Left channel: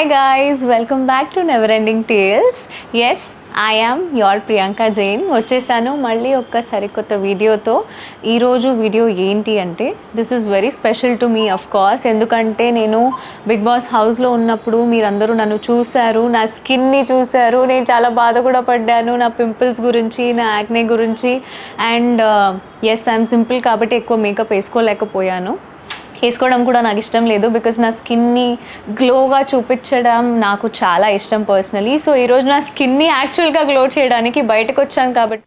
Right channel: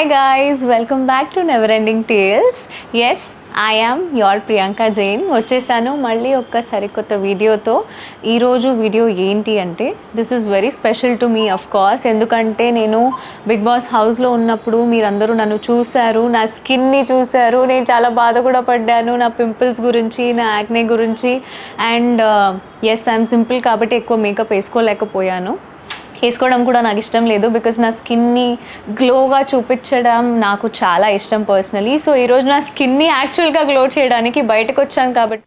Hi guys, welcome back to Never Ending Tales. Yes, I am your Priyanka Jain. వచ్చేసాను మళ్ళీ ఒక్క సరికొత్త వీడియోతో. ఈరోజు వీడియో ఏంటి అంటే this is very special to me of course. ఎందుకంటే నేను బిగ్ బాస్ హౌస్లో ఉన్నప్పుడు మీరందరూ నన్ను చూశారు, నా స్కిన్ని చూశారు, నేను చాలా బాధ కూడా పడ్డాను నా పింపుల్స్ గురించి, నా యాక్నే గురించి. అండ్ ఎస్, ఐఎమ్ సింపుల్ కాబట్టి ఎక్కువ మేకప్ వేసుకోలేకపోయాను, వేసుకోవడం కూడా నాకు ఇష్టం లేదు. బికాజ్ నా స్కిన్ని గ్లోగా చూపించడం నాకు చాలా ఇష్టం పర్సనలీ. సో ఈరోజు నా స్కిన్ని యాక్చువల్గా గ్లో చేయడానికి బయటకు వచ్చాను కాబట్టి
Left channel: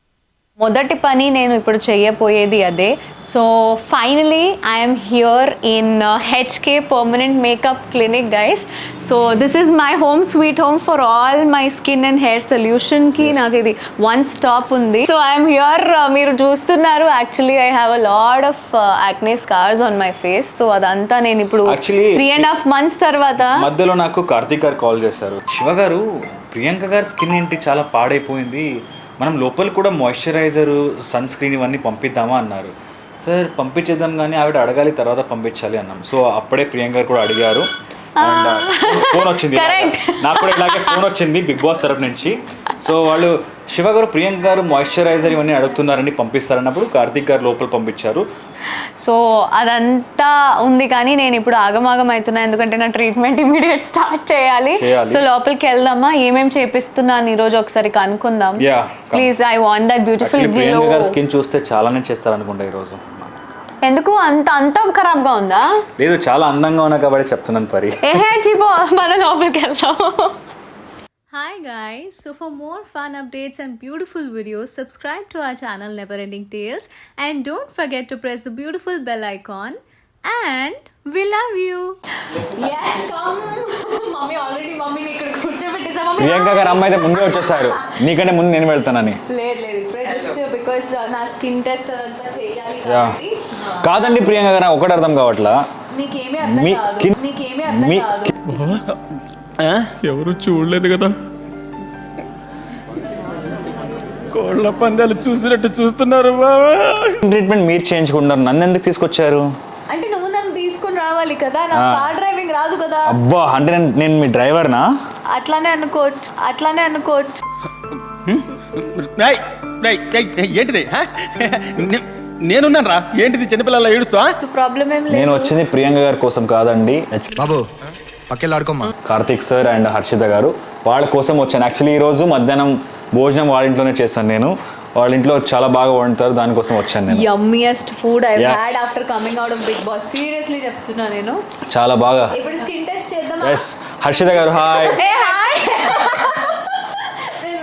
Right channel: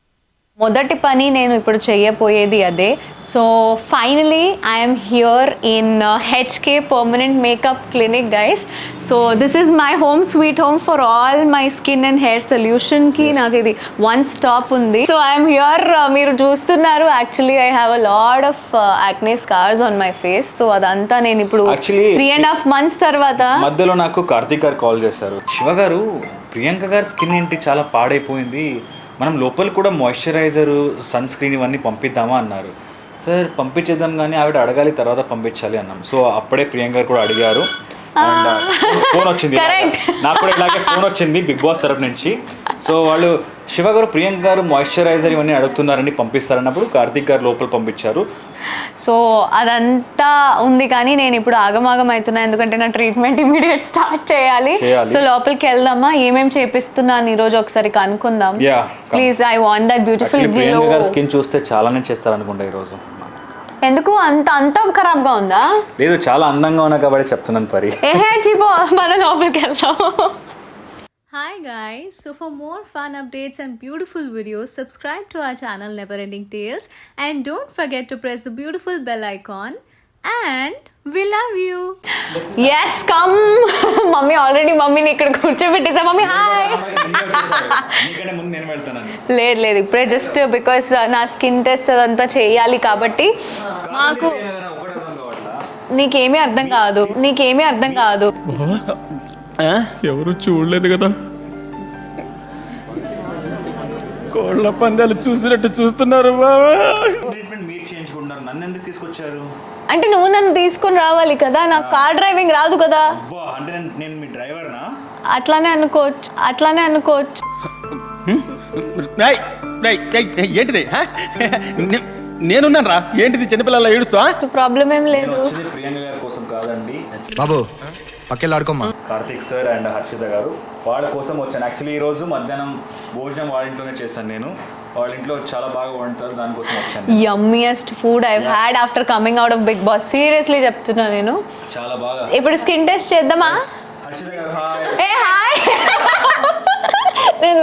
మొదటి పని నేను ఇప్పుడు చేయబోయేది అదే. So finally I'm here in HK permanent makeup clinic guys. So this is my home sweet home for all my skin and hair సొల్యూషన్కి. నాకు ఇది వన్ స్టాప్ ఉంది. సో ఐఎమ్ హియర్, మీరు చూస్తున్నారు actually I have a lot of acne scars on my face. So అదంతా నేను ఇప్పుడు 3.5 months తర్వాత మధ్యలో నాకు కార్తీక్ గారు కాల్ చేశారు, శివ గారు ప్రియాంక గారి స్కిన్ ఏంటి చాలా పాడైపోయింది, మనం లోపల కూడా మాయిశ్చరైజరు, సన్ స్క్రీన్ ఇవన్నీ పంపిద్దామా అన్నారు. సార్ పంపించేద్దాం కానీ ఆవిడ అడగాలి తర్వాత పంపించాలి అన్నాం. సో అప్పుడే ప్రియాంక గారు కూడా అడిగారు. ఫోన్ వచ్చింది నాకు కూడా, ఇలాగే ఫోన్ వచ్చింది బిగ్ బాస్ తరఫు నుంచి. సో వాళ్ళు శివ గారు ప్రియాంక గారు మాయిశ్చరైజర్ ఇవన్నీ అడుగుతున్నారని పంపిస్తారన్నప్పుడు కార్తీక్ గారు లోపల పంపించారు. సో అదంతా ఉంది కానీ నేను ఇప్పుడు ఆగమాగం అవుతున్నా, ఎందుకంటే నా ట్రీట్మెంట్ ఇమీడియట్ స్టార్ట్ చేయాలి. సో లోపలికి వెళ్దామా, ఏమేమి చేపిస్తున్నాను ఈరోజు ఒకసారి కనుక్కుందాం please. I want that beautiful glow. Priyanka గారి స్కిన్ చూస్తే చాలానే చేస్తారనుకుంటా ఈరోజు. ఎందుకు అంత ఖరాబ్గా ఉందా? లేదు, చాలా అందంగా ఉన్నా కాబట్టి చెప్తున్నాను పరి. చీపో మన లోపలికి వెళ్దాం. Hi guys, so for more fun updates and beautiful videos, subscribe to our channel Never Ending Tales and don't forget to press the beautiful bell icon and we love you. Yes, come. Mummy already మమ్మీని ఇక్కడ కూర్చోబెట్టేసా. Mummy Priyanka గారు అమ్మాయి ముందే వచ్చేసారు, నీకంటే ముందు నేను వెళ్తానని. లేదు ఇప్పుడే జస్ట్ బికాస్ నా స్కిన్ టెస్ట్ అదంతా చేయాలి కాబట్టి. కాదండి ప్రియాంక గారు, ఒకటి అర్థం కావట్లా. నీకేమీ అర్థం కాదు. ఎవరు చూడలేదు కదా, కోళ్ళ పందాలు చూసినట్టు చూస్తున్నారు. ట్రీట్మెంట్ మీరు చేయించుకుంటారు, నన్ను ఎందుకు తీసుకొచ్చారు? అంటే నువ్వు నన్ను తీసుకుని రావాలి కదా, నాకు కార్ డ్రైవింగ్ రాదు కదా. అబ్బా, అంటే నేను మీ డ్రైవర్నా? అట్లానే అనుకోవచ్చు. ఏంటిది, నేనున్నాను రా. ఏంటిది చిన్నపిల్లల ఏడుస్తా? ప్రాబ్లం ఏం లేదు. నేను వచ్చింది ప్రియాంక గారి కోసం కాదండి బాబు, పక్కెళ్ళాడుకోమ్మా. కార్తిక్ సార్ అండ్ హర్షిత గారు వాళ్ళ కోసం వచ్చాను. యాక్చువల్లీ ఈరోజు మధ్యాహ్నం భోజనం వాళ్ళ ఇంట్లోనే చేశాను నేను. వాళ్ళ ఇంట్లో చాలా బాగా వండుతారు, దానికోసం వచ్చాను. Yummiest food I had after coming out of big Boss. Seriously చెప్తున్నా నేను, చాలా బాగా. ఇప్పుడు స్కిన్ టెస్ట్ చేద్దామా? హర్షిత గారు హాయ్.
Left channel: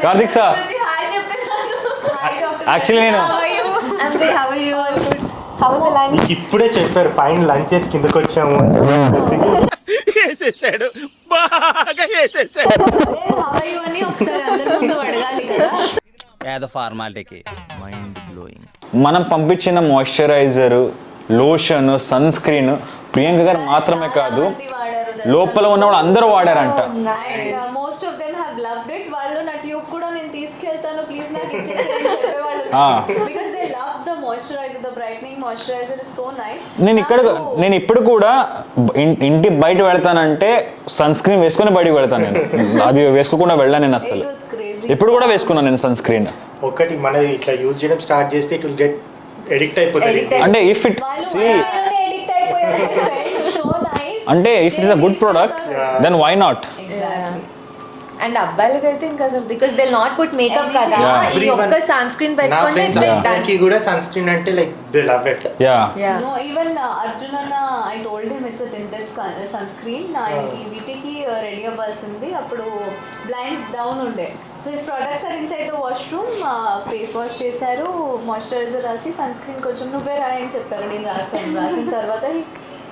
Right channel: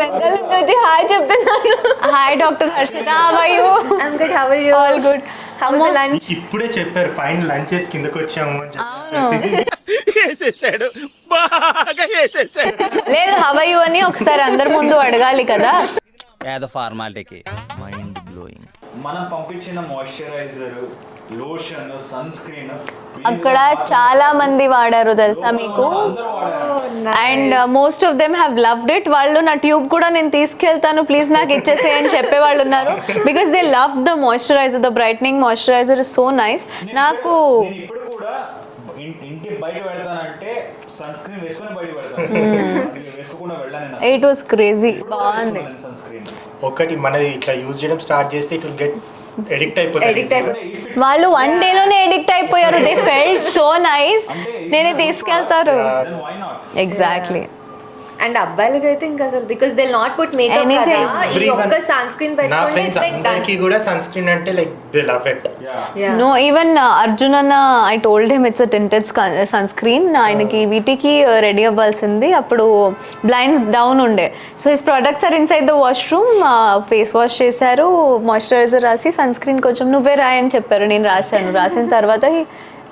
కార్తిక్ సార్ హాయ్ చెప్తున్నాను. Hi doctor. యాక్చువల్లీ ఇప్పుడే చెప్పారు పైన లంచ్ చేసి కిందకి వచ్చాము. లేదు హవయు అని ఒకసారి అందరి ముందు అడగాలి కదా. ఫార్మాలిటీకి మైండ్ బ్లోయింగ్. మనం పంపించిన moisturiser, lotion, sunscreen Priyanka garu మాత్రమే చాలా మంది వాడారు, లోపల ఉన్న వాళ్ళు అందరూ వాడారంట. And most of them have loved it. వాళ్ళు నా ట్యూబ్ కూడా నేను తీసుకెళ్తాను ప్లీజ్ నాకు ఇచ్చేసే అని చెప్పే వాళ్ళు ఉన్నారు. Because they love the moisturiser, the brightening moisturiser is so nice. నేను ఇప్పుడు కూడా ఇంటి బయట వెళ్తానంటే సన్ స్క్రీన్ వేసుకుని బయటకు వెళ్తాను. నేను అది వేసుకోకుండా వెళ్ళాను నేను అసలు. It was crazy. ఇప్పుడు కూడా వేసుకున్నాను నేను సన్ స్క్రీన్. ఒకటి మనది ఇట్లా యూజ్ చేయడం స్టార్ట్ చేస్తే ఇట్ విల్ గెట్ ఎడిక్ట్ అయిపోతుంది. అంటే ఇఫ్ ఇట్ వాళ్ళు వన్ డే లోనే ఎడిక్ట్ అయిపోయారు. They felt so nice. అంటే if it's a good product then why not. Exactly. And అబ్బాయిలకి అయితే ఇంకా అసలు because they not put makeup కదా, ఈ ఒక్క సన్ స్క్రీన్ పెట్టుకుంటే ఇట్స్ లైక్ అందరికి కూడా సన్ స్క్రీన్ అంటే like they love it. No even Arjun అన్న I told him it's a tinted sunscreen. ఆయనకి వీటికి రెడీ అవ్వాల్సింది, అప్పుడు బ్లైండ్స్ డౌన్ ఉండే. So his products are inside the washroom. Face wash చేశారు, మాయిశ్చరైజర్ రాసి సన్ స్క్రీన్ కొంచెం నువ్వే రాయని చెప్పారు. నేను రాసిన తర్వాత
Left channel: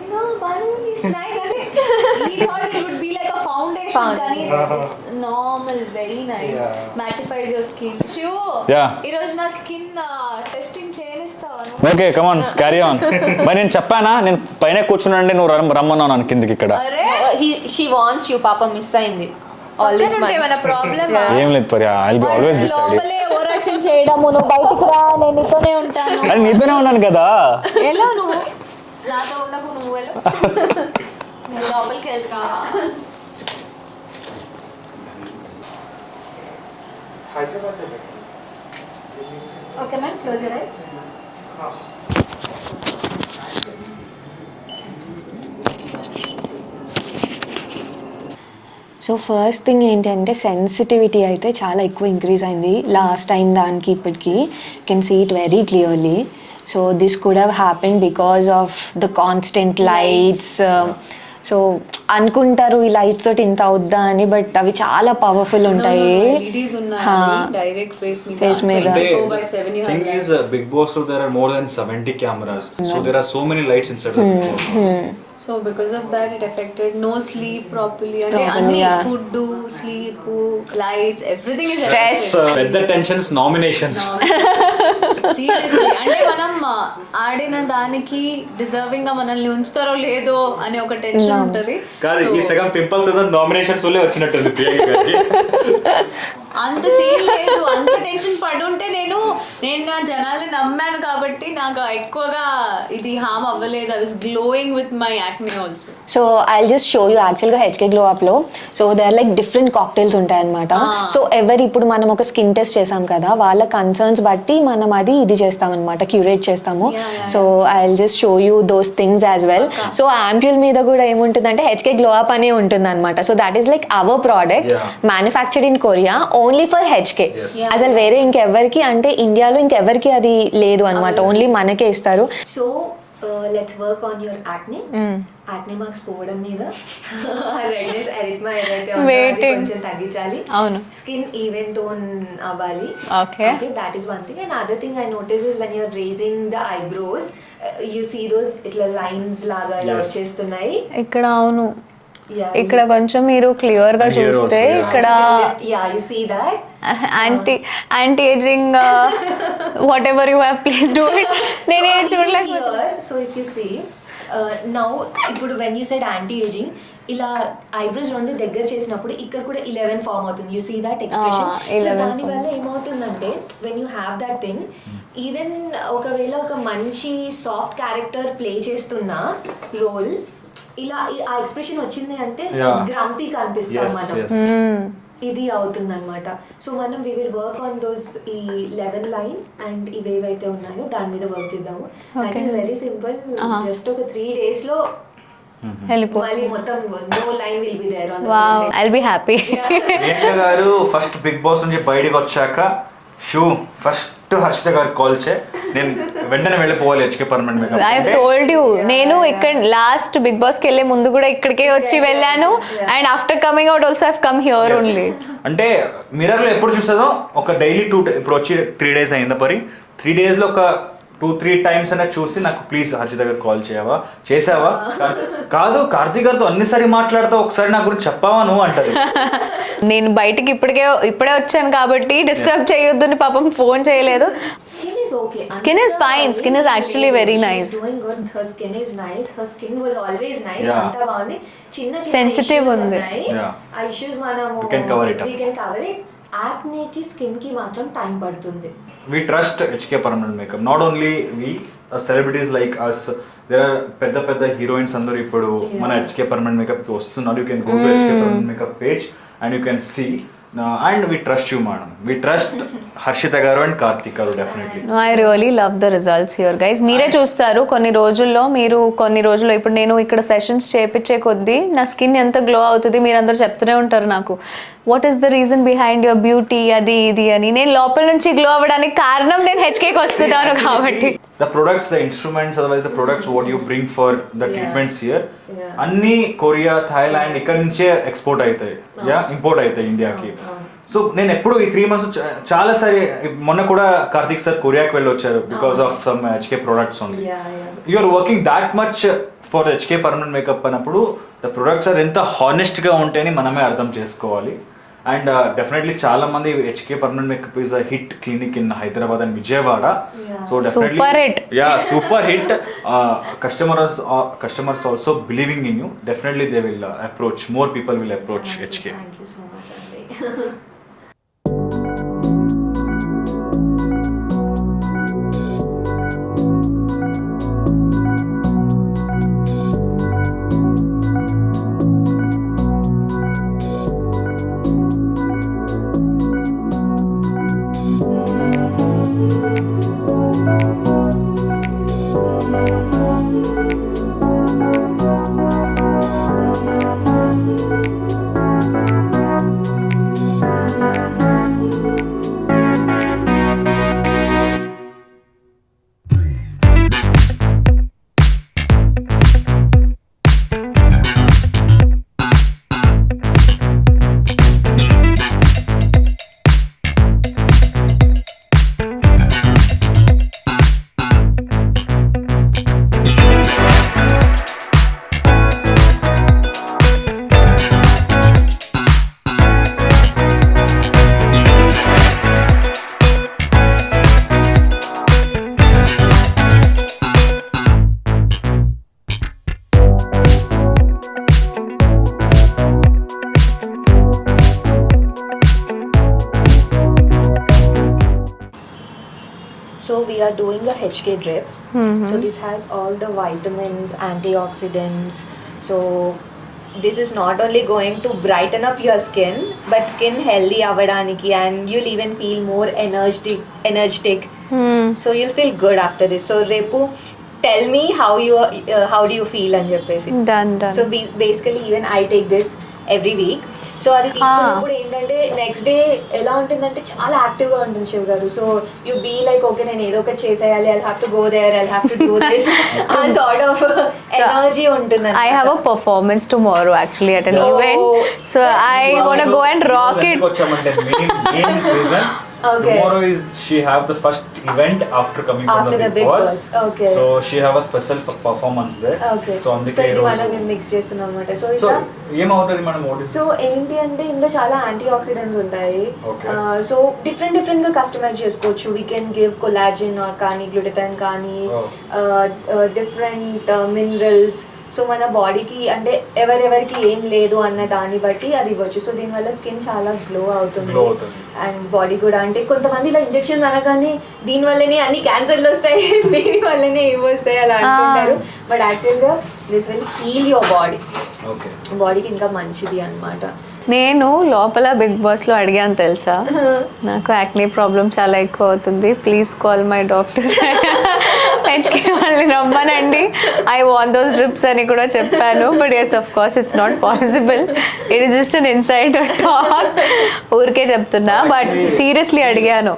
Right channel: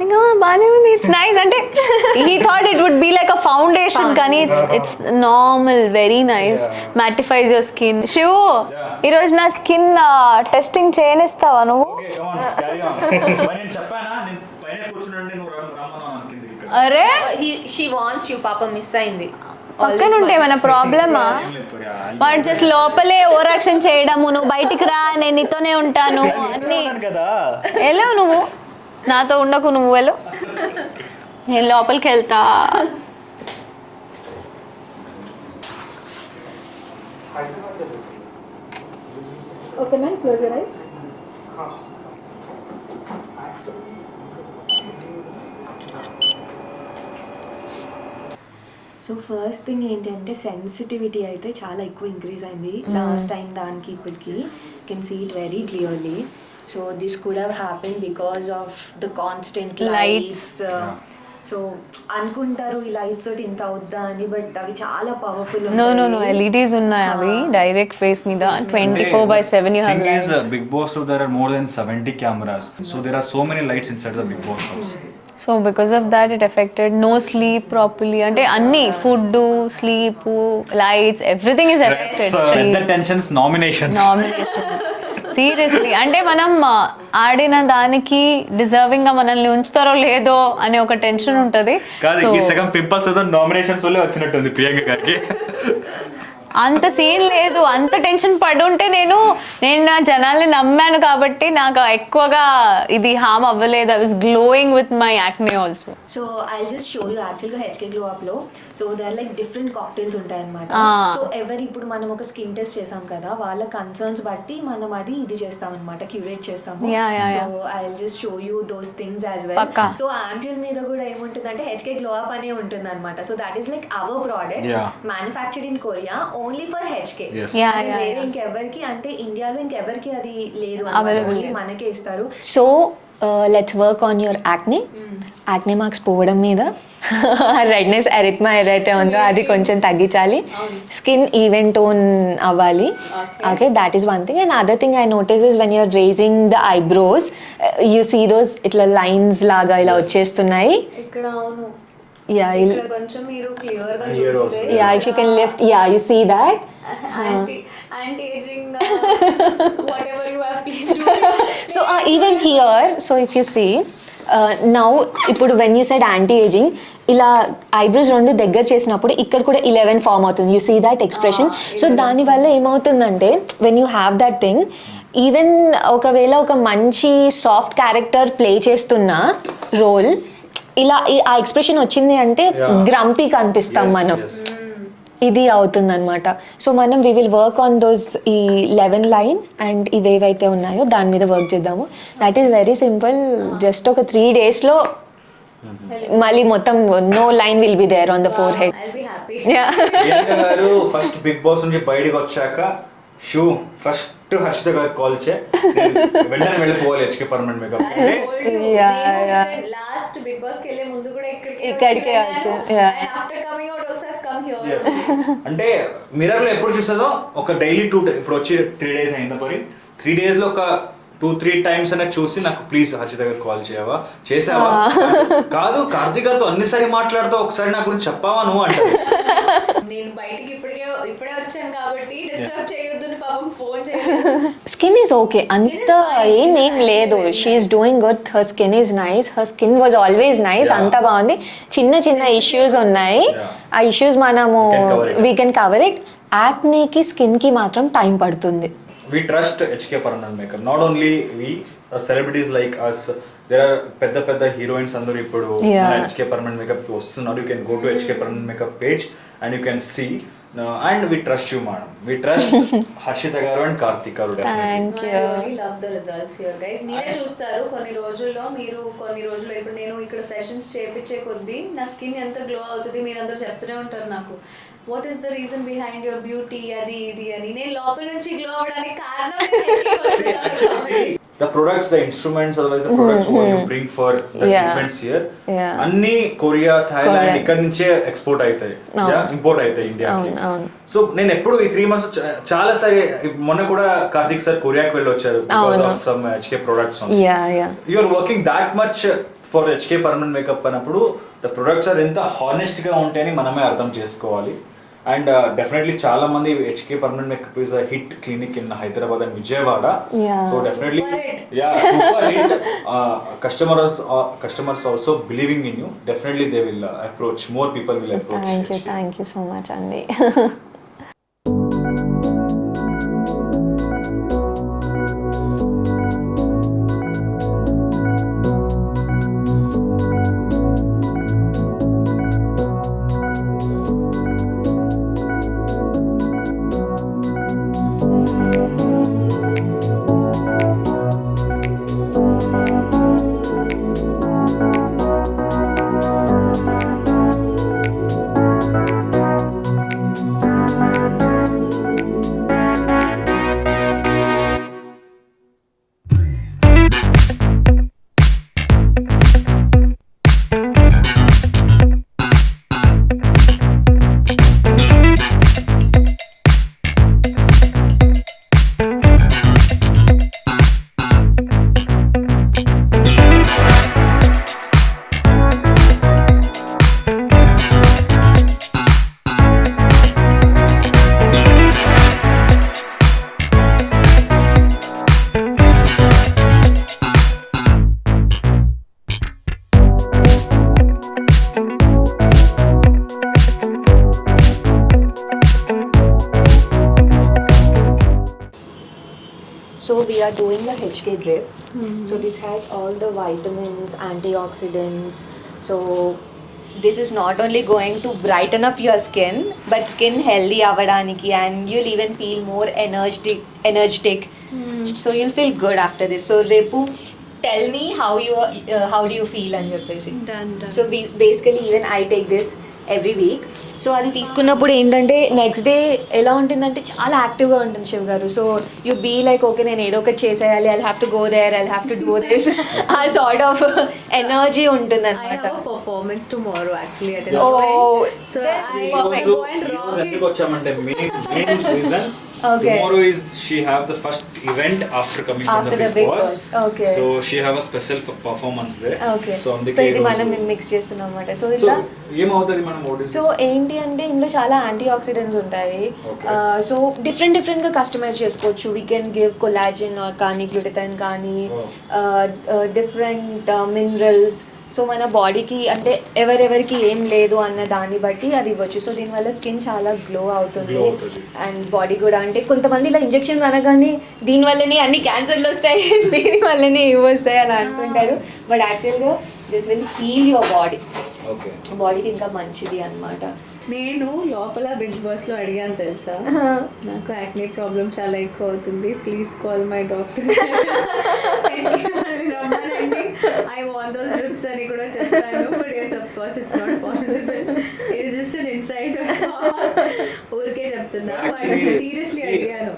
ఇంకా బాగానే ఉంది, ఇట్స్ నైస్. అంటే he thought it would be like a foundation, కానీ it's normal, very nice, mattifies your skin. Shiv, ఈ రోజు నా స్కిన్ టెస్టింగ్ చేయనిస్తావా నువ్వు? Okay come on carry on. మరి నేను చెప్పానా, నేను పైన కూర్చున్నానంటే నువ్వు రమ్మన్నాను కిందకి ఇక్కడ. అరే షీ వాంట్స్ యూ, పాప మిస్ అయింది. లోపలే ఓవర్ యాక్షన్ చేయడము, నువ్వు బయటికి రా నేను నీతోనే ఉంటాను. నీతోనే ఉన్నాను కదా. వెళ్ళవు నువ్వు, నాతో ఉండకు, నువ్వు వెళ్ళు, నేను లోపలికి వెళ్తా. Okay, ma'am, close your eyes. So first thing ఏంటంటే సెన్సిటివిటీ అయితే చాలా ఎక్కువ ఇంక్రీజ్ అయింది లాస్ట్ టైం దానికి ఇప్పటికి can see it very clearly so this could have happen because of the constant lights so అనుకుంటారు ఈ లైట్స్ తోటి ఇంత అవుద్దా అని బట్ అవి చాలా పవర్ఫుల్ ఉంటాయి ఎల్ఈడీస్ ఉన్నాయి డైరెక్ట్ ఫేస్ మీద 24/7 you have Thing is, Big Boss, so there are more than 70 cameras. So there are so many lights inside the Big Boss house. So because of that it affected no sleep properly అంటే అన్ని food sleep lights everything is పెద్ద tensions nominations. Seriously అంటే మనం ఆడిన దానికి deserving గా మనల్ని ఉంచుతారో లేదో అనే ఒక టెన్షన్ ఉంటది. కాదు ఈ సగం పింపుల్స్ అంతా నామినేషన్స్ వల్లే వచ్చినట్టుంది ప్రియాంక గారికి. అంత సీన్ లేదు, అంత టెన్షన్ పడుంటే నేను నా జనాల్ని నమ్మాను కాబట్టి నాకు ఎక్కువగా ఇది హామ్ అవ్వలేదు. I was glowing with my acne also. So I just show you యాక్చువల్గా హెచ్కే గ్లో అప్లో so they are like different cocktails ఉంటాయి అనమాట. సో ఇప్పుడు మనం ఒక స్కిన్ టెస్ట్ చేసాం కదా, వాళ్ళ కన్సర్న్స్ బట్టి మనం అది ఇది చేస్తాం అనమాట, క్యూరేట్ చేస్తాము. So I just show you those things as well. So ampoule మీద కూడా ఏముంటుందంటే హెచ్కే గ్లో అప్ అనే ఉంటుంది అనమాట. So that is like our product manufactured in Korea only for HK. అసలు వేరే ఇంకెవరికి అంటే ఇండియాలో ఇంకెవరికి అది లేదు అనమాట, ఓన్లీ మనకే ఇస్తారు. So let's work on your acne. Acne marks పోవడం మీద రెడ్నెస్ ఎరిథ్మా ఏదైతే ఉందో అది కొంచెం తగ్గించాలి. స్కిన్ ఈవెన్ టోన్ అవ్వాలి. Okay that is one thing. And other thing I notice is when you're raising the eyebrows you see those ఇట్లా lines లాగా ఇలా వచ్చేస్తున్నాయి ఇక్కడ. అవును, ఇక్కడ కొంచెం మీరు క్లియర్ గా చూస్తే you see that anti aging whatever you have, please do it. So even here, so if you see now ఇప్పుడు when you said anti aging ఇలా ఐబ్రోస్ రెండు దగ్గర చేసినప్పుడు ఇక్కడ కూడా 11 ఫామ్ అవుతుంది. You see that expression. So దానివల్ల ఏమవుతుందంటే when you have that thing even ఒకవేళ ఒక మంచి సాఫ్ట్ క్యారెక్టర్ ప్లే చేస్తున్న రోల్ ఇలా ఆ ఎక్స్ప్రెషన్ వచ్చింది అంటే గ్రంపీ కనిపిస్తాం మనం. ఇది అవుతుంది అనమాట. సో మనం we will work on those ఈ 11 లైన్ అండ్ ఇవేవైతే ఉన్నాయో దాని మీద వర్క్ చేద్దాము. That is very simple. Just ఒక 3 days లో మళ్ళీ మొత్తం no line will be there on the forehead. I'll be happy. గారు ఫస్ట్ బిగ్ బాస్ నుంచి బయటకు వచ్చాక ఫస్ట్ హర్షిత గారికి కాల్ వెంటనే వెళ్ళిపోవాలి HK permanent makeup. I told you, నేను ఇక్కడ లాస్ట్ బిగ్ బాస్ కి వెళ్ళే ముందు కూడా ఇక్కడికే వచ్చి వెళ్ళాను. And after coming out also have come here only. అంటే మిర్రర్ లో ఎప్పుడు చూస్తుందో ఒక డైలీ ఇప్పుడు వచ్చి 3 days అయిందా పరి 3 days లో ఒక 2-3 times అనేది చూసి నాకు ప్లీజ్ హర్షిత గారికి కాల్ చేసావా కాదు కార్తీక్ గారితో అన్నిసారి మాట్లాడుతూ ఒకసారి నా గురించి చెప్పావా నువ్వు అంటారు. నేను బయటికి ఇప్పుడే వచ్చాను కాబట్టి డిస్టర్బ్ చేయొద్దని పాపం ఫోన్ చేయలేదు. Skin is okay, skin is fine, skin is actually very nice. She is doing good, her skin is nice, her skin was always nice. అంతా బాగుంది. చిన్న ఇష్యూస్ ఉన్నాయి, ఆ ఇష్యూస్ మనము వీ కెన్ కవర్ ఇట్. యాక్నేకి skin కి మాత్రం time పడుతుంది. We trust HK Permanent Makeup. Not only we, celebrities like us, there are పెద్ద heroines అందరూ ఇప్పుడు మన HK Permanent Makeup కి వస్తున్నారు. You can go to HK Permanent Makeup page and you can see. And we trust you, madam. We trust Harshita garu and Karthik garu definitely. I really love the results here, guys. మీరే చూస్తారు కొన్ని రోజుల్లో ఇప్పుడు నేను ఇక్కడ sessions చేపించే కొద్దీ నా skin ఎంత గ్లో అవుతుంది మీరందరూ చెప్తూనే ఉంటారు నాకు. What is the reason behind your beauty అది ఇది అని. నేను లోపల నుంచి గ్లో అవ్వడానికి కారణం నేను హెచ్కేకి వస్తున్నాను కాబట్టి. The products, the instruments, otherwise the products what you bring for the treatments here, అన్ని కొరియా, థాయిలాండ్ ఇక్కడ నుంచే ఎక్స్పోర్ట్ అవుతాయి, ఇంపోర్ట్ అవుతాయి ఇండియాకి. సో నేను ఎప్పుడు ఈ 3 months చాలా సారి, మొన్న కూడా కార్తిక్ సార్ కొరియాకి వెళ్ళి వచ్చారు because of some HK products. You are working that much for HK permanent makeup అన్నప్పుడు ద ప్రొడక్ట్స్ ఆర్ ఎంత హానెస్ట్ గా ఉంటాయని మనమే అర్థం చేసుకోవాలి. అండ్ డెఫినెట్లీ చాలా మంది HK permanent makeup is a hit clinic in Hyderabad and Vijayawada. So definitely super hit. Customers also believing in you. Definitely they will approach, more people will approach HK. Thank you so much, Andy. So we are doing the HK drip. So this has all the vitamins, antioxidants. So this is not only going to brighten up your skin, but skin healthy avvadaniki, and you'll even feel more energetic. So you'll feel good after this. So Repu, tell me how do you feel అని చెప్పేసి. Done. So basically even I take this every week. So అది తీసుకున్నప్పుడు ఏంటంటే next day ఎలా ఉంటుందంటే చాలా యాక్టివ్గా ఉంటుంది శివ గారు. So you be like okay నేను ఏదో ఒకటి చేసేయాలి, I have to go there, I have to do this, ఆ సార్ట్ ఆఫ్ ఎనర్జీ ఉంటుంది. I have a performance tomorrow actually at an event. So I want to go and rock it. వచ్చామంటే main reason Okay. tomorrow is she have the first event after coming from After the the Big Big Boss. Boss. Okay. So she have a special performance there. Okay. So అందుకే so ఇది ఈ మనం రోజు mix చేస్తున్నాం అనమాట. So so ఇలా ఏమవుతుంది మనం ఓడిస్ సో ఏంటి అంటే ఇందులో చాలా యాంటీ ఆక్సిడెంట్స్ ఉంటాయి. Okay. సో డిఫరెంట్గా కస్టమైజ్ చేసుకోవచ్చు. వీ కెన్ గివ్ కొలాజిన్ కానీ గ్లూటథైన్ కానీ Oh. Different minerals. సో మన బాడీకి అంటే ఎవరెవరికి ఏం లేదు అన్న దాన్ని బట్టి అది ఇవ్వచ్చు. సో దీనివల్ల స్కిన్ చాలా గ్లో అవుతుంది Glow అవుతుంది. అండ్ బాడీ కూడా అంటే కొంతమంది ఇలా ఇంజెక్షన్ అనగానే దీనివల్లనే అన్ని క్యాన్సర్లు వస్తాయి, దీనివల్లనే ఇవి వస్తాయి అలా అనుకుంటారు. బట్ యాక్చువల్గా this will heal your body, okay. బాడీకి ఇంకా మంచిది అన్నమాట. నేను లోపల బిగ్ బాస్లో అడిగాను తెలుసా, నాకు యాక్నే ప్రాబ్లం చాలా ఎక్కువ అవుతుంది, please call my doctor, HK వాళ్ళని రమ్మనండి, ఐ వాంట్ దోస్ డ్రిప్స్ అని కూడా చెప్పాను. But yes of course it's not possible, it is just an insider talk, ఊరికే చెప్తున్నా. బట్ సీరియస్లీ అడిగాను.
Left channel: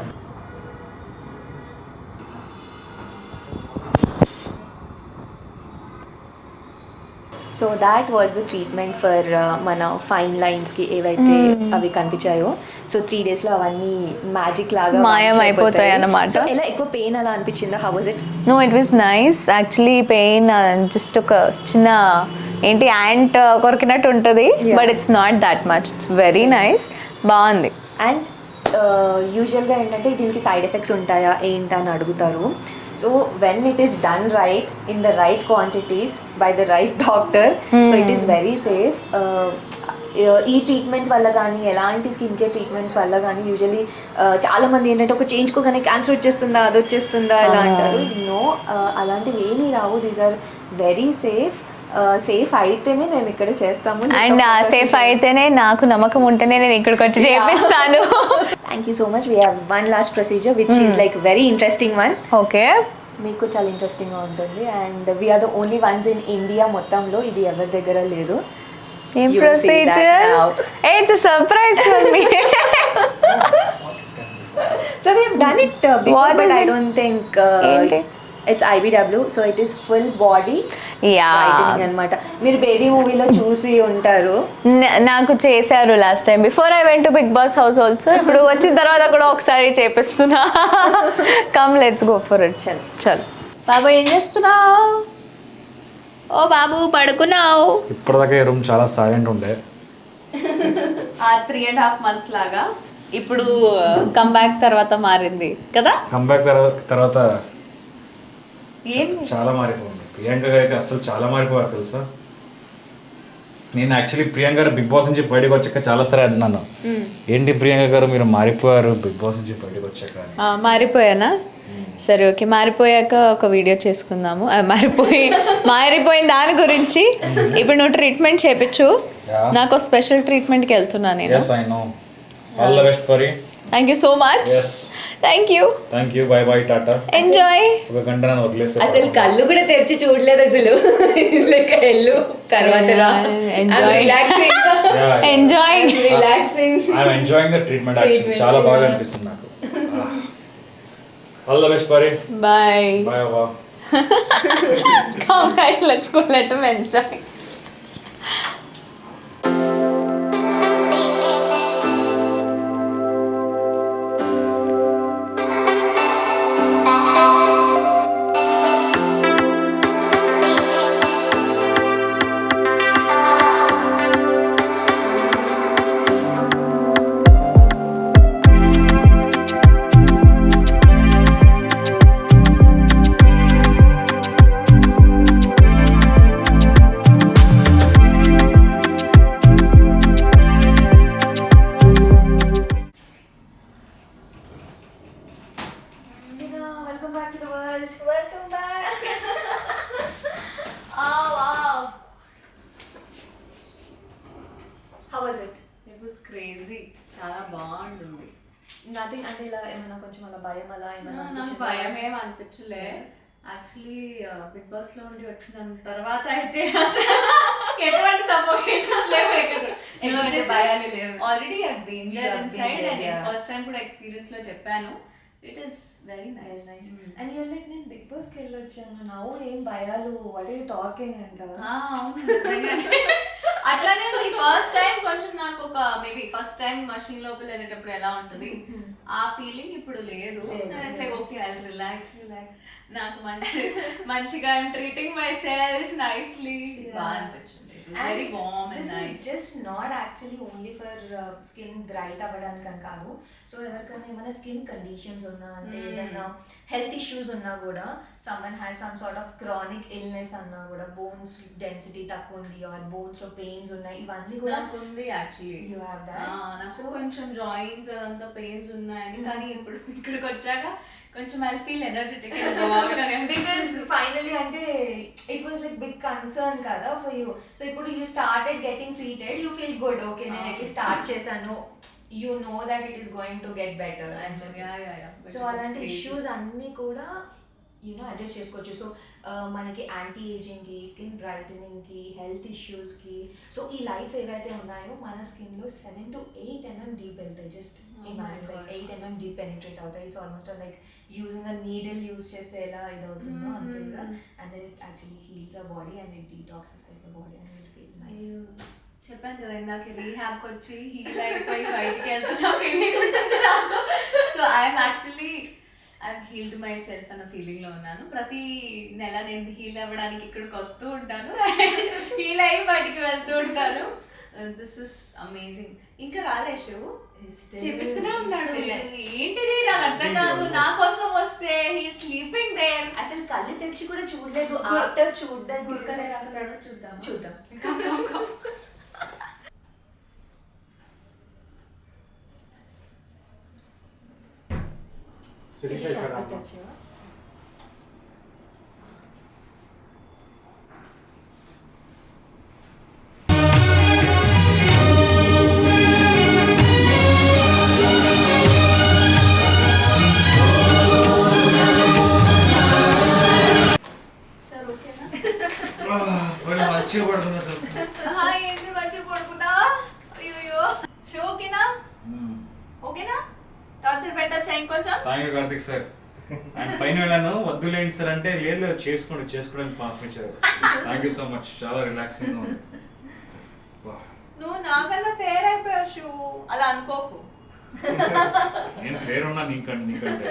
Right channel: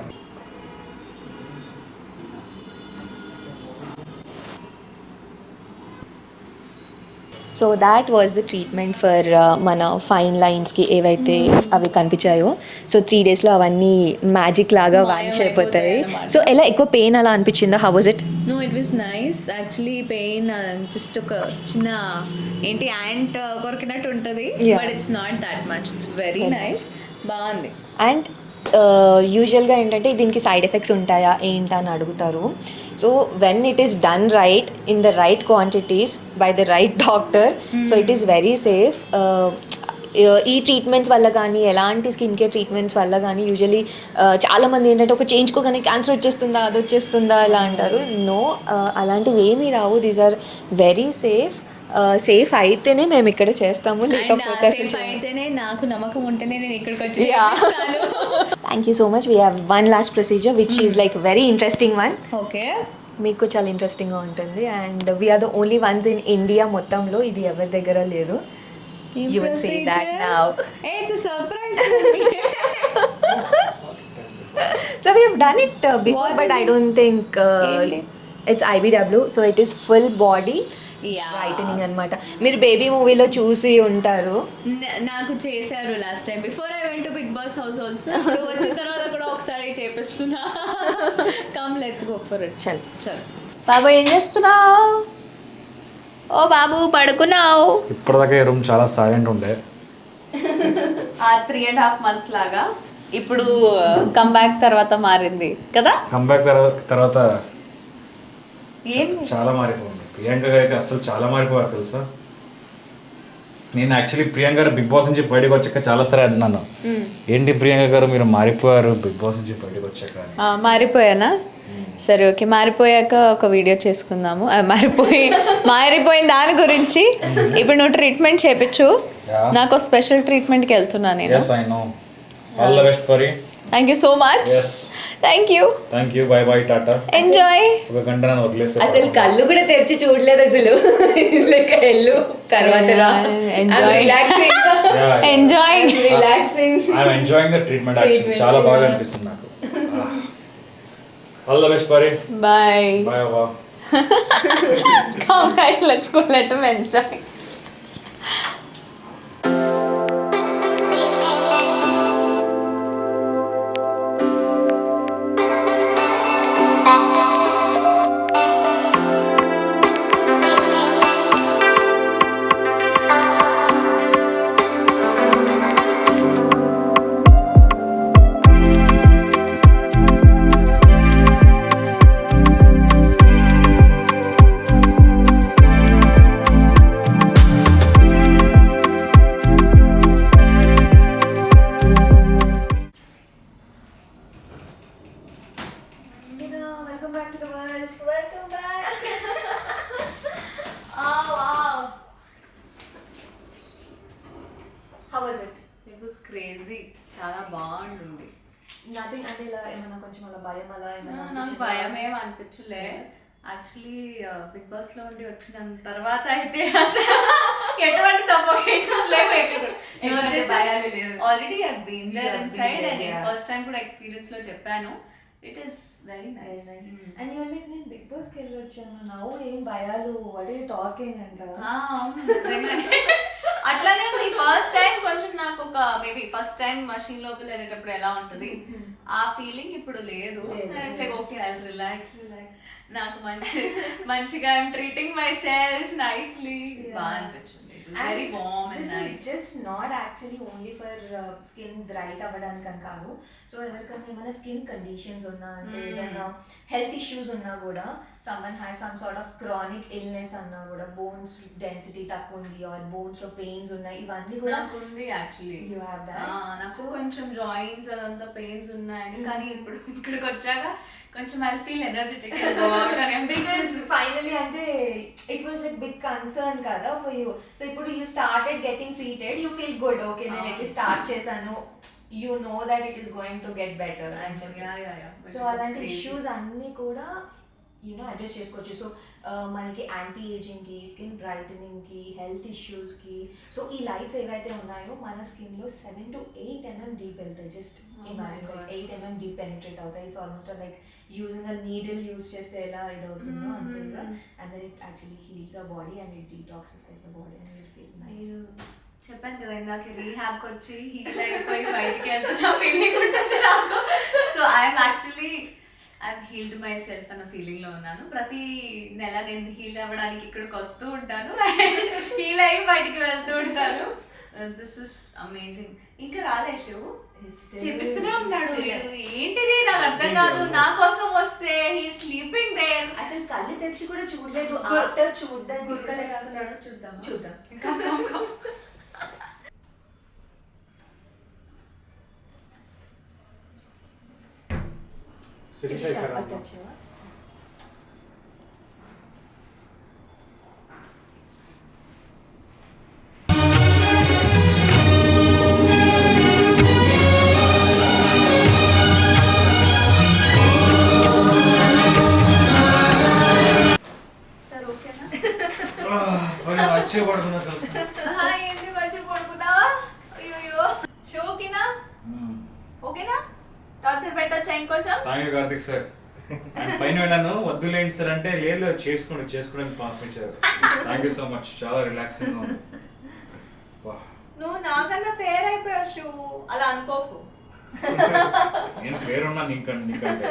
So that was the treatment for మన ఫైన్ లైన్స్కి ఏవైతే అవి కనిపించాయో. సో 3 daysలో అవన్నీ మ్యాజిక్ లాగా మాయమైపోతాయి అన్నమాట. సో ఎలా ఎక్కువ పెయిన్ అలా అనిపించిందా? How was it? No, it was nice actually. Pain just ఒక చిన్న ఏంటి యాంట్ కొరికినట్టు ఉంటుంది, but it's not that much, it's very nice, బాగుంది. అండ్ యూజువల్గా ఏంటంటే దీనికి సైడ్ ఎఫెక్ట్స్ ఉంటాయా ఏంటని అడుగుతారు. So when it is done right in the right quantities by the right doctor, so it is very safe. ఈ ట్రీట్మెంట్స్ వల్ల కానీ ఎలాంటి స్కిన్ కేర్ ట్రీట్మెంట్స్ వల్ల కానీ యూజువలీ చాలామంది ఏంటంటే ఒక చేయించుకోగానే క్యాన్సర్ వచ్చేస్తుందా అది వచ్చేస్తుందా ఇలా అంటారు. నో, అలాంటివి ఏమీ రావు. These are very safe. Safe అయితేనే మేము ఇక్కడ చేస్తాము. అండ్ సేఫ్ అయితేనే, నాకు నమ్మకం ఉంటేనే నేను ఇక్కడికి వచ్చి చేపిస్తాను. Thank you so much. We have one last procedure which is like very interesting one. Okay, మీకు చాలా ఇంట్రెస్టింగ్గా ఉంటుంది. And we are the only ones in India మొత్తంలో, ఇది ఎవరి దగ్గర లేదు. ఏం You will see that procedure? now. It's a surprise for me. So we have done it before, What but is I it? don't think ఏంటి? it's IBW. So it is full body whitening అనమాట. మీరు baby మూవీలో చూసి ఉంటారు. నాకు చేశారు last time before I went to Bigg Boss house also. ఇప్పుడు వచ్చిన తర్వాత కూడా ఒకసారి చేపిస్తున్నా. Come let's go for it. చల్ బాబు, ఏం చేస్తున్నావు? ఓ బాబు, పడుకున్నావు? ఇప్పటిదాకా ఈ రూమ్ చాలా సైలెంట్ ఉండే. ఆ 3.5 months లాగా ఇప్పుడు కమ్ బ్యాక్ తర్వాత మారింది కదా. కంబ్యాక్ తర్వాత ఏంది? చాలా మారిపోయింది. ప్రియాంక గారు అయితే అసలు చాలా మారిపోయారు తెలుసా. నేను యాక్చువల్లీ ప్రియాంక గారు బిగ్ బాస్ నుంచి బయటకు వచ్చాక చాలా సరే అన్నాను, ఏంటి ప్రియాంక గారు మీరు మారిపోయారు బిగ్ బాస్ నుంచి బయటకు వచ్చాక అని. మారిపోయానా? సరే ఓకే, మారిపోయాక ఒక వీడియో చేసుకుందాము. మారిపోయిన దాని గురించి. ఇప్పుడు నువ్వు ట్రీట్మెంట్ చేయించు. నాకు స్పెషల్ ట్రీట్మెంట్కి వెళ్తున్నా నేను. Yes, I know. All the best for you. Thank you so much. Yes. Thank you. Thank you. Bye bye. Tata. Enjoy. ఒక గంట నన్ను వదిలేస్తే అసలు కళ్ళు కూడా తెరిచి చూడలేదు అసలు. లైక్ వెళ్ళు తర్వాత రా. Relaxing. Enjoying. Relaxing. I'm enjoying the treatment actually. చాలా బాగా అనిపిస్తుంది నాకు. All the best for you. Bye. Bye. Bye. Come guys, let's go. Let him enjoy. Welcome back to the world. Welcome back. Oh wow. How was it? It was crazy. చాలా బాగుంటుంది. Nothing అంటే ఇలా ఏమైనా కొంచెం అలా భయం అలా ఏమైనా నాకు అనిపించిందా? భయం ఏం అనిపించలే. యాక్చువల్లీ బిగ్ బాస్ లో ఉండి వచ్చిన తర్వాత అయితే అసలు ఎటువంటి సఫోకేషన్ లేవు ఎటువంటి భయాలు లేవు. Already I been there You have inside been there, and yeah. First time కూడా ఎక్స్పీరియన్స్ లో చెప్పాను. It is very Very nice. nice. And you're like నేను బిగ్ బాస్ కి వెళ్ళొచ్చాను నౌ ఏం భయాలు వాట్ ఆర్ యు టాకింగ్ అంట. అట్లానే ఫస్ట్ టైం కొంచెం నాకు ఒక మేబీ ఫస్ట్ టైం మషిన్ లోపల వెళ్ళేటప్పుడు ఎలా ఉంటుంది ఆ ఫీలింగ్ ఇప్పుడు లేదు. Okay I relax. నాకు మంచిగా I'm treating myself nicely. బాగా అనిపించింది. Very warm and This nice. is just not actually only for skin bright అవ్వడానికి అని కాదు. సో ఎవరికైనా ఏమైనా స్కిన్ కండిషన్స్ ఉన్నా అంటే ఏదైనా హెల్త్ ఇష్యూస్ ఉన్నా కూడా someone has some sort of chronic illness అన్నా కూడా బోన్స్ డెన్సిటీ తక్కువ ఉంది ఆర్ బోన్స్ లో పెయిన్స్ ఉన్నాయి ఇవన్నీ కూడా నాకు ఉంది యాక్చువల్లీ. you have that. నాకు కొంచెం జాయింట్స్ అదంతా పెయిన్స్ ఉన్నాయని కానీ ఇప్పుడు ఇక్కడికి వచ్చాక కొంచెం I feel energetic. Because finally అంటే it was like big concern కదా for you. So ఇప్పుడు you started getting treated, you feel good. Okay, నేను at స్టార్ట్ చేశాను. You know that it is going to get better. But so it was అలాంటి crazy. Issues అన్నీ కూడా address చేసుకోవచ్చు. సో మనకి యాంటీ ఏజింగ్కి స్కిన్ బ్రైటనింగ్కి హెల్త్ ఇష్యూస్కి సో ఈ లైట్స్ ఏవైతే ఉన్నాయో మన స్కిన్లో 7 to 8 mm డీప్ వెళ్తాయి. Just imagine like 8 mm deep penetrate అవుతాయి. It's almost like using a needle use చేస్తే ఎలా ఇదవుతుందో అంతేగా. And then it actually heals a body and it detoxifies the body and it feel nice. చెప్పాను కదా ఇందాక రీహాబ్కి వచ్చి హీల్ అయిపోయి బయటికి వెళ్తున్న ఫీలింగ్ ఉంటుంది నాకు. So I'm healed my self అన్న ఫీలింగ్ లో ఉన్నాను. ప్రతి నెల నేను హీల్ అవ్వడానికి ఇక్కడికి వస్తూ ఉంటాను. హీల్ అయ్యి బయటికి వెళ్తూ ఉంటాను. This is amazing. ఇంకా రాలేషు చూపిస్తూనే ఉన్నాడు. ఏంటిది నాకు అర్థం కాదు. నా కోసం వస్తే హీ స్లీపింగ్ దేర్. అసలు కళ్ళు తెరిచి కూడా చూడలేదు. ఆఫ్టర్ చూడడానికి గుర్కలేస్తున్నాడు. చూద్దాం చూద్దాం. శిరీష ఇక్కడ అటు వచ్చావా? సార్ ఓకేనా? మంచిగా పడుతున్నా తెలుసు. ఏంటి మంచిగా పడుకున్నావా? అయ్యో షోకినా? ఓకేనా? టార్చర్ పెట్టొచ్చా ఇంకొంచెం? Thank you Karthik sir. ఆయన పైన వెళ్ళాను వద్దులేండి సార్ అంటే లేదు చేసుకోవడానికి పంపించారు. Thank you so much. చాలా రిలాక్సింగ్ ఉంది. నువ్వు నాకన్నా ఫేర్ అయిపోయావు షూ. అలా అనుకోకు. నేను ఫేర్ ఉన్నా నీకంటే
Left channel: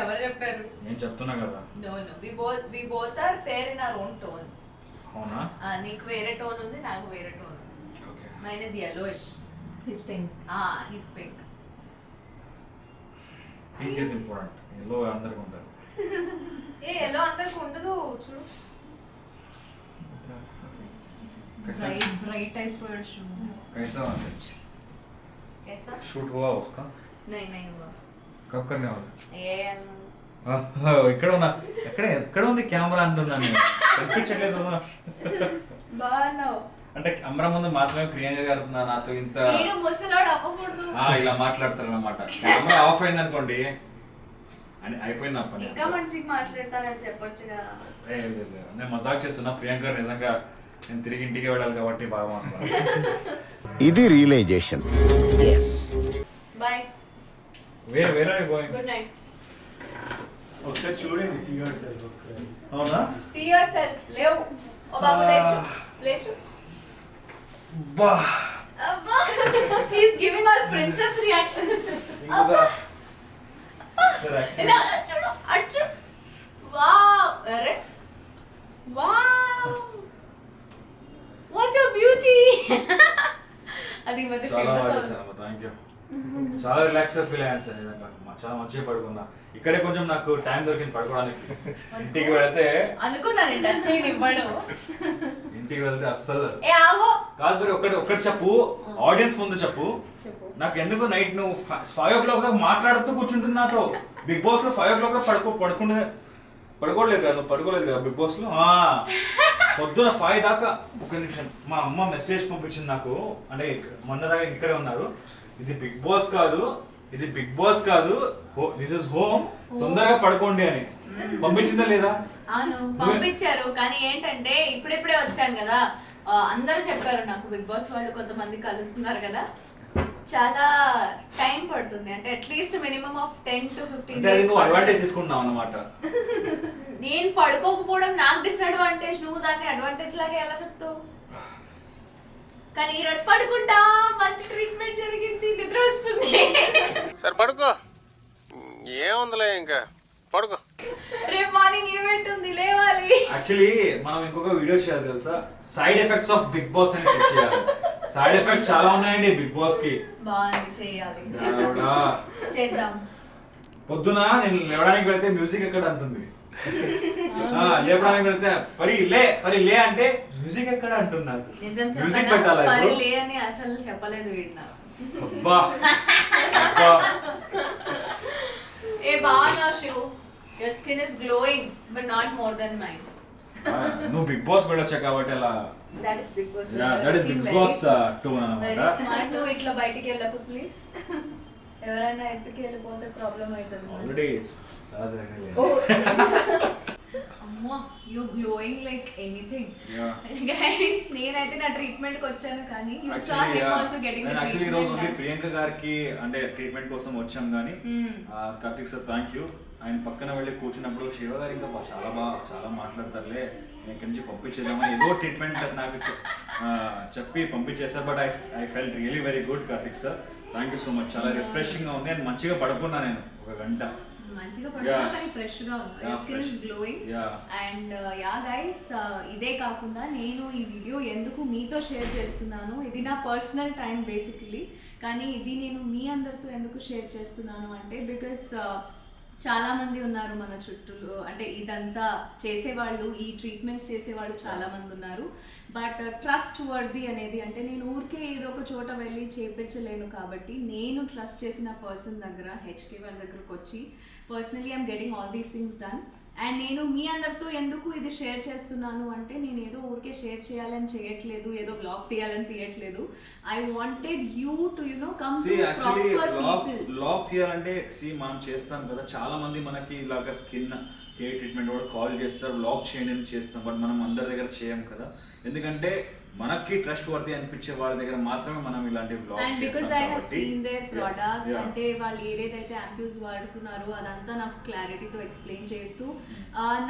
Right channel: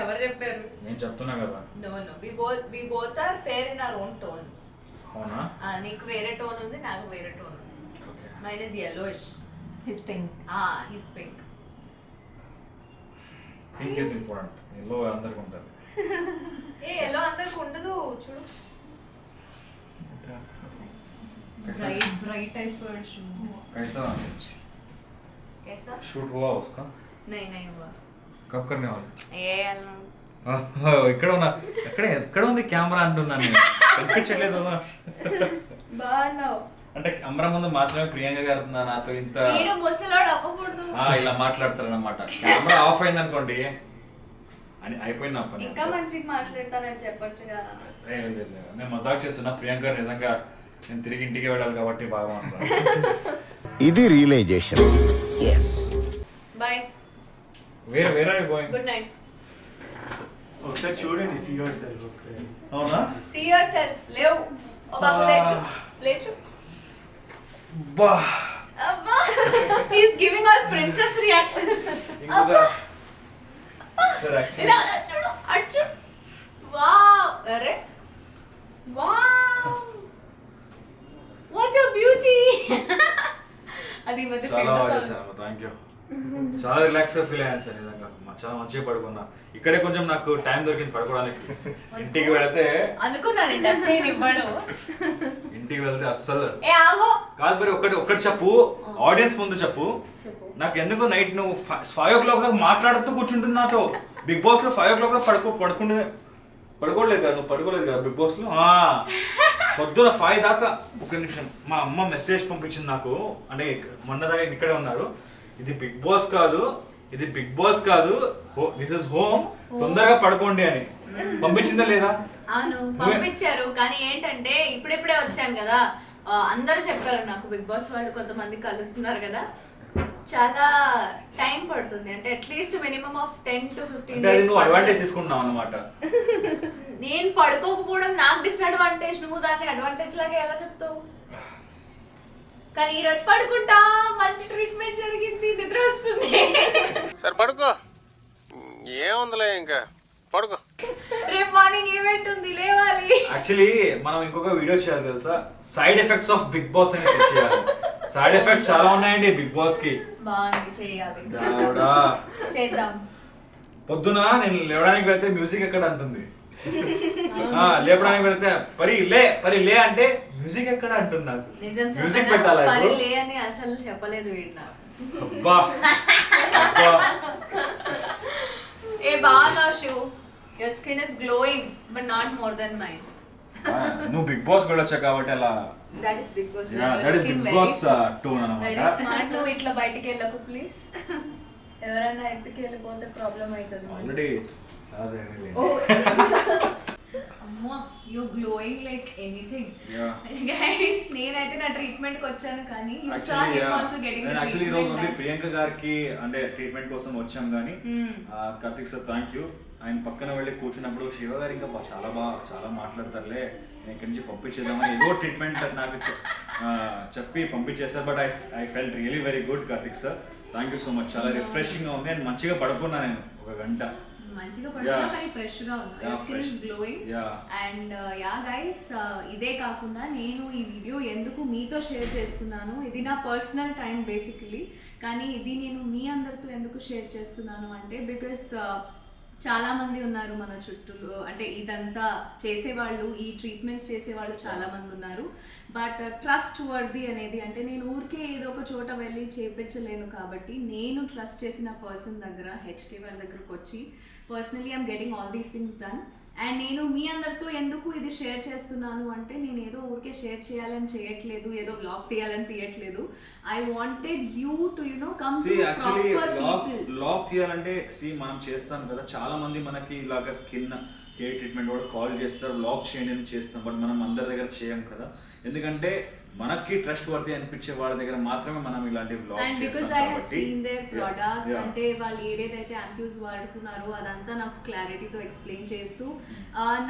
ఎవరు చెప్పారు? నేను చెప్తున్నా కదా. No we both are fair in our own tones. అవునా? నీకు వేరే టోన్ ఉంది, నాకు వేరే టోన్ ఉంది. Okay. Mine is yellowish. His pink. He's pink. Pink is important. Yellow అందరికి ఉంటారు. ఎల్లో అందరికి ఉండదు చూడు. ब्राइट टाइप पर शू. कैसा मैसेज? कैसा? शूट हुआ उसका? नहीं हुआ. कब करने वाला? ఎక్కడ ఉంది కెమెరా అంటున్నాను నేను. కనిపించలేదు. బాగున్నావు. అంటే కెమెరా ముందు మాత్రమే ప్రియాంక గారు నాతో ఇంత వీడు ముసలోడు అవ్వకూడదు. ఇలా మాట్లాడతారు అన్నమాట. కెమెరా ఆఫ్ అయింది అనుకోండి అని అయిపోయింది నా పని. ఇంకా మంచిగా మాట్లాడతానని చెప్పొచ్చుగా. లేదు నేను మజాక్ చేస్తున్నా. ప్రియాంక గారు నిజంగా నేను తిరిగి ఇంటికి వెళ్ళాలి కాబట్టి బాగా మాట్లాడాను. ఇది రియలైజేషన్. బాయ్. వేరే గోయింగ్. Good night. ఒకసారి చూడండి సీ యువర్ సెల్ఫ్ ఒకసారి. అవునా? See yourself. లేవు. ఓ బాబు లేచు. బా. He is giving all princess reactions. Sir actually ఇలా అచ్చు. వావ్. అరే వావ్. What a beauty. అది మధ్య చాలా బాగా ఫేమస్. చేశాను. Thank you. చాలా రిలాక్స్ గా ఫీల్ అయ్యాను సార్. నిజంగా చాలా మంచిగా పడుకున్నా. ఇక్కడే కొంచెం నాకు టైం దొరికింది పడుకోవడానికి. ఇంటికి వెళితే అనుకున్నాను టచ్ చేయనివ్వడు. ఇంటికి వెళ్తే అస్సలు ఆగో. కాదు మరి ఒకటి చెప్పు. ఆడియన్స్ ముందు చెప్పు. నాకు ఎందుకు నైట్ నువ్వు 5 o'clock దాకా మాట్లాడుతూ కూర్చుంటుంది నాతో. బిగ్ బాస్ లో 5 o'clock పడుకోలేదు కదా, నువ్వు పడుకోలేదు కదా బిగ్ బాస్ లో. పొద్దున 5 దాకా. ఒక నిమిషం, మా అమ్మ మెసేజ్ పంపించింది నాకు, అంటే మొన్న దాకా ఇక్కడే ఉన్నారు. ఇది బిగ్ బాస్ కాదు, ఇది బిగ్ బాస్ కాదు, దిస్ ఇస్ హోమ్, తొందరగా పడుకోండి అని పంపించిందా లేదా? అవును పంపించారు, కానీ ఏంటంటే ఇప్పుడే వచ్చాను కదా, అందరూ చెప్పారు నాకు బిగ్ బాస్ వాళ్ళు కొంతమంది కలుస్తున్నారు కదా, చాలా టైం పడుతుంది, అంటే అట్లీస్ట్ మినిమం ఆఫ్ 10 to 15 అంటే అది days నువ్వు అడ్వాంటేజ్ తీసుకుంటున్నావు అన్నమాట. నేను పడుకోకపోవడం నాకు డిసడ్వాంటేజ్, నువ్వు దాన్ని అడ్వాంటేజ్ లాగా ఎలా చెప్తావు? కానీ ఈ రోజు పడుకుంటా, మంచి ట్రీట్మెంట్ జరిగింది, నిద్ర వస్తుంది. సరే పడుకో, ఏముందిలే ఇంకా పడుకో. రేపు మార్నింగ్ ఈవెంట్ ఉంది, లేవాలి. యాక్చువల్లీ మనం ఇంకొక వీడియో చేయాలి తెలుసా, side effects of big Boss అని చెక్ చేయాలి. సైడ్ ఎఫెక్ట్స్ చాలా ఉన్నాయండి బిగ్ బాస్ కి. బాగుంది, చేయాలి, దేవుడా. చేద్దాం. పొద్దున నేను లేవడానికి వెళ్తే మ్యూజిక్ ఎక్కడ అంటుంది, లేపడానికి వెళ్తే పరి లే అంటే మ్యూజిక్ ఎక్కడ అంటుంది నాకు. నిజం మ్యూజిక్ చెప్పనా, పెట్టాలి పని లే అని అసలు చెప్పలేదు వీడు నాకు. అబ్బా అబ్బా. ఏ బాగా షూ, your skin is glowing but not more than mine. నువ్వు బిగ్ బాస్ కూడా వచ్చా కాబట్టి అలా. That is Bigg Boss. That is Bigg Boss tone very అన్నమాట. స్మార్ట్. నువ్వు ఇట్లా బయటికి వెళ్ళకు ప్లీజ్, ఎవరైనా ఎత్తుకి వెళ్ళిపోతే ప్రాబ్లం అవుతుంది. ఆల్రెడీ చాలా జరిగింది. అమ్మో, you glowing like anything. Yeah. Guys, నేనైతే నా ట్రీట్మెంట్ కి వచ్చాను, కానీ you saw him also getting the actually ఈ రోజు ఓన్లీ ప్రియాంక గారికి అంటే ట్రీట్మెంట్ కోసం వచ్చాం, కానీ కార్తిక్ సార్ థ్యాంక్ యూ. ఆయన పక్కన వెళ్ళి కూర్చున్నప్పుడు శివ గారు ఇంకా చాలా మాట్లాడతారులే, నేను ఇక్కడి నుంచి పంపించేద్దామని ఏదో ట్రీట్మెంట్ నాకు చెప్పి పంపించేశారు. But I felt really very good Karthik sir, thank you so much. చాలా రిఫ్రెషింగ్ గా ఉంది అండ్ మంచిగా పడుకున్నా నేను 1 గంట. మంచిగా పడుతున్నా, కానీ ఫ్రెష్ గా ఉన్నా. Your skin is glowing. And yeah guys, ఇదే కాకుండా నేను ఈ వీడియో ఎందుకు మీతో షేర్ చేస్తున్నాను, ఇది నా పర్సనల్ టైం బేసికలీ, కానీ ఇది నేను మీ అందరితో ఎందుకు షేర్ చేస్తున్నాను అంటే బికాస్ చాలా మంది ఉన్నారు మన చుట్టూ, అంటే ఇదంతా చేసేవాళ్ళు, ఈ ట్రీట్మెంట్స్ చేసేవాళ్ళు చాలా మంది ఉన్నారు. బట్ ట్రస్ట్ వర్ది అనేది, అంటే నేను ఊరికే ఏదో ఒక చోట వెళ్ళి చేపించలేను, కాబట్టి నేను ట్రస్ట్ చేసిన పర్సన్ దగ్గర, హెచ్కే వాళ్ళ దగ్గరకు వచ్చి personally I'm getting all these things done. And నేను మీ అందరితో ఎందుకు ఇది షేర్ చేస్తున్నాను అంటే, నేను ఏదో ఊరికే షేర్ చేయాలని చేయట్లేదు, ఏదో బ్లాగ్ తీయాలని తీయట్లేదు. I wanted you to come to proper people. Vlog తీయాలంటే మనం చేస్తాం కదా, చాలా మంది మనకి ఇలాగ స్కిన్ హెయిర్ ట్రీట్మెంట్ కూడా కాల్ చేస్తారు, బ్లాగ్ చేయండి అని చేస్తాం. బట్ మనం అందరి దగ్గర చేయం కదా, ఎందుకంటే మనకి ట్రస్ట్ వర్ది అనిపించే వాళ్ళ దగ్గర మాత్రమే మనం ఇలాంటి and because I have seen their products, అంటే వాళ్ళు ఏదైతే యాంప్యూల్స్ వాడుతున్నారో అదంతా నాకు క్లారిటీతో ఎక్స్ప్లెయిన్ చేస్తూ,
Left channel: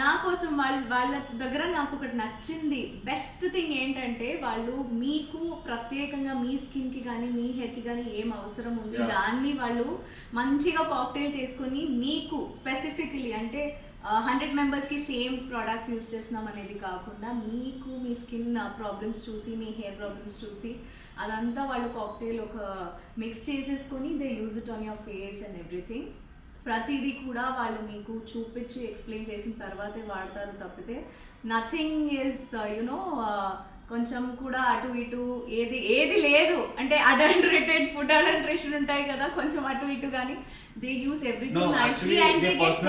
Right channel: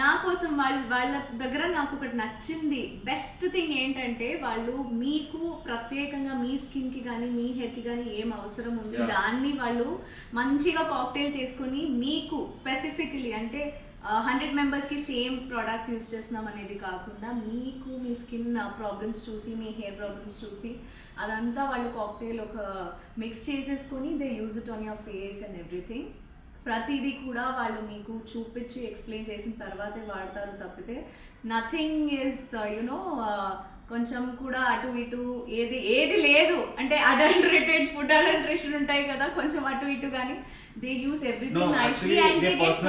నా కోసం వాళ్ళ దగ్గర నాకు ఒకటి నచ్చింది, బెస్ట్ థింగ్ ఏంటంటే, వాళ్ళు మీకు ప్రత్యేకంగా మీ స్కిన్కి కానీ మీ హెయిర్కి కానీ ఏం అవసరం ఉంది దాన్ని వాళ్ళు మంచిగా కాక్టైల్ చేసుకొని మీకు స్పెసిఫికలీ, అంటే 100 మెంబర్స్కి సేమ్ ప్రోడక్ట్స్ యూజ్ చేస్తున్నాం అనేది కాకుండా, మీకు మీ స్కిన్ ప్రాబ్లమ్స్ చూసి, మీ హెయిర్ ప్రాబ్లమ్స్ చూసి, అదంతా వాళ్ళు కాక్టైల్ ఒక మిక్స్ చేసేసుకొని they use it on your face and everything. ప్రతిదీ కూడా వాళ్ళు మీకు చూపించి ఎక్స్ప్లెయిన్ చేసిన తర్వాతే వాడతారు తప్పితే నథింగ్ ఈజ్ కొంచెం కూడా అటు ఇటు ఏది లేదు. అంటే అడల్టరేటెడ్ ఫుడ్ అడల్టరేషన్ ఉంటాయి కదా, కొంచెం అటు ఇటు, కానీ they use everything nicely and they get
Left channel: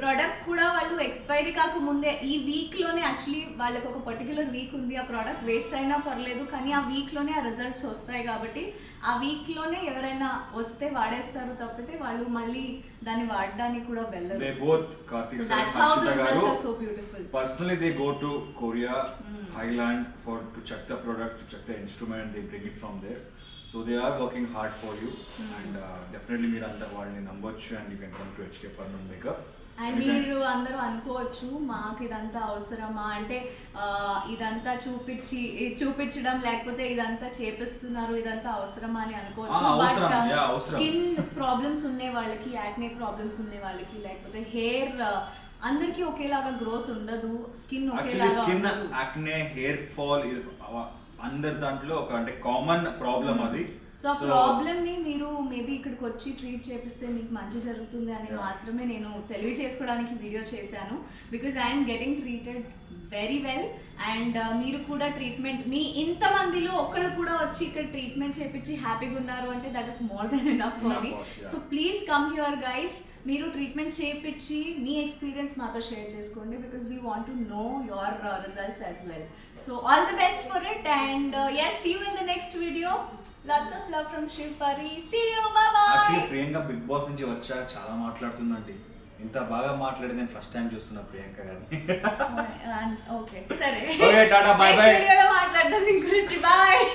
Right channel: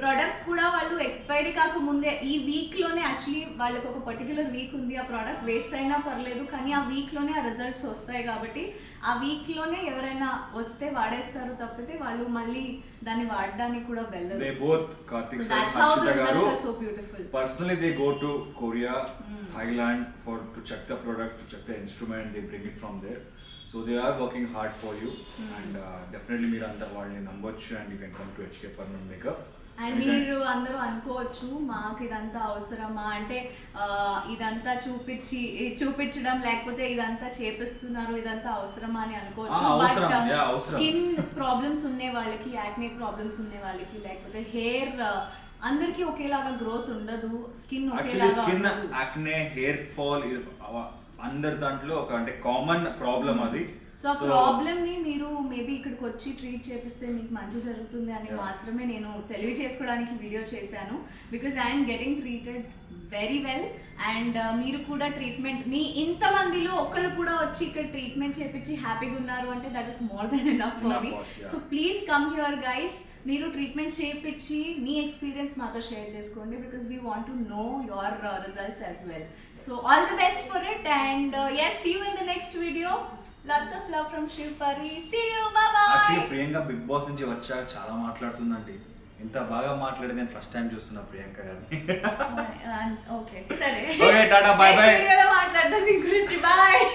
products కూడా వాళ్ళు ఎక్స్పైరీ కాకముందే ఈ వీక్లోనే, యాక్చువల్లీ వాళ్ళకి ఒక పర్టికులర్ వీక్ ఉంది, ఆ ప్రోడక్ట్ వేస్ట్ అయినా పర్లేదు కానీ ఆ వీక్లోనే ఆ రిజల్ట్స్ వస్తాయి, కాబట్టి ఆ వీక్లోనే ఎవరైనా వస్తే వాడేస్తారు తప్పితే వాళ్ళు మళ్ళీ దాన్ని వాడడానికి కూడా వెళ్ళరు. They both, Karthik sir and That's how the Harshita results garu, are so beautiful. Personally, they go to Korea, Thailand to check the product, to check the instrument. They bring it from there. So they are working hard for you, and definitely మీరు అందరు వాళ్ళని నమ్మొచ్చు, and you can come to HK Permanent Makeup. And మీరు అందరూ అనుకోవచ్చు, మాకు ఇదంతా అవసరమా, అంటే ఇదంతా చూపించడం లేకపోతే ఇదంతా చేపిస్తున్నారు, ఇదంతా అవసరమా అని అనుకోవచ్చు. బట్ స్కిన్ ప్రాబ్లమ్స్ ఉండే వాళ్ళకి, యాక్నే ప్రాబ్లమ్స్ ఉండే వాళ్ళకి, లేకపోతే హెయిర్ అందరికీ ఒకేలాగా గ్రోత్ ఉండదు, స్కిన్ యాక్నే హెయిర్ ఫాల్ అందరి దాంట్లో ఒక అంటే కామన్ ప్రాబ్లం అది. సో ప్రాబ్లమ్ని మీరు మేబీ ఇక్కడికి వచ్చి ట్రీట్ చేపిస్తే మీకు మంచి జరుగుతుంది అని మాత్రమే నేను తెలియజేసుకోవడానికి వీడియో చేశాను. Because I'm getting treated very well and మీరు కూడా ట్రీట్మెంట్ మీ ఇంతమందిలో ఒక్కళ్ళు కూడా వచ్చి ఇక్కడ ట్రీట్మెంట్ చేపించి హ్యాపీగా ఉన్నారు అంటే that is more than enough for me. So please come here guys, మీరు ట్రీట్మెంట్ చేయించి మీ ఎక్స్పీరియన్స్ మాతో షేర్ చేసుకోండి because we want to know your results as well. So all the best for it and yes, see you in the next video. Lots of love from Shiv Pari. See you, bye bye. Actually Priyanka Bigg boss నుంచి వచ్చాక చాలా మాట్లాడుతుందండి. ఇంత బాగా మాట్లాడేది నేను first time చూస్తున్నా ప్రియాంక గారిని. Okay సరే, okay tata bye by. Next వీడియోలో మాట్లాడదాం మీ గురించి. బాయ్.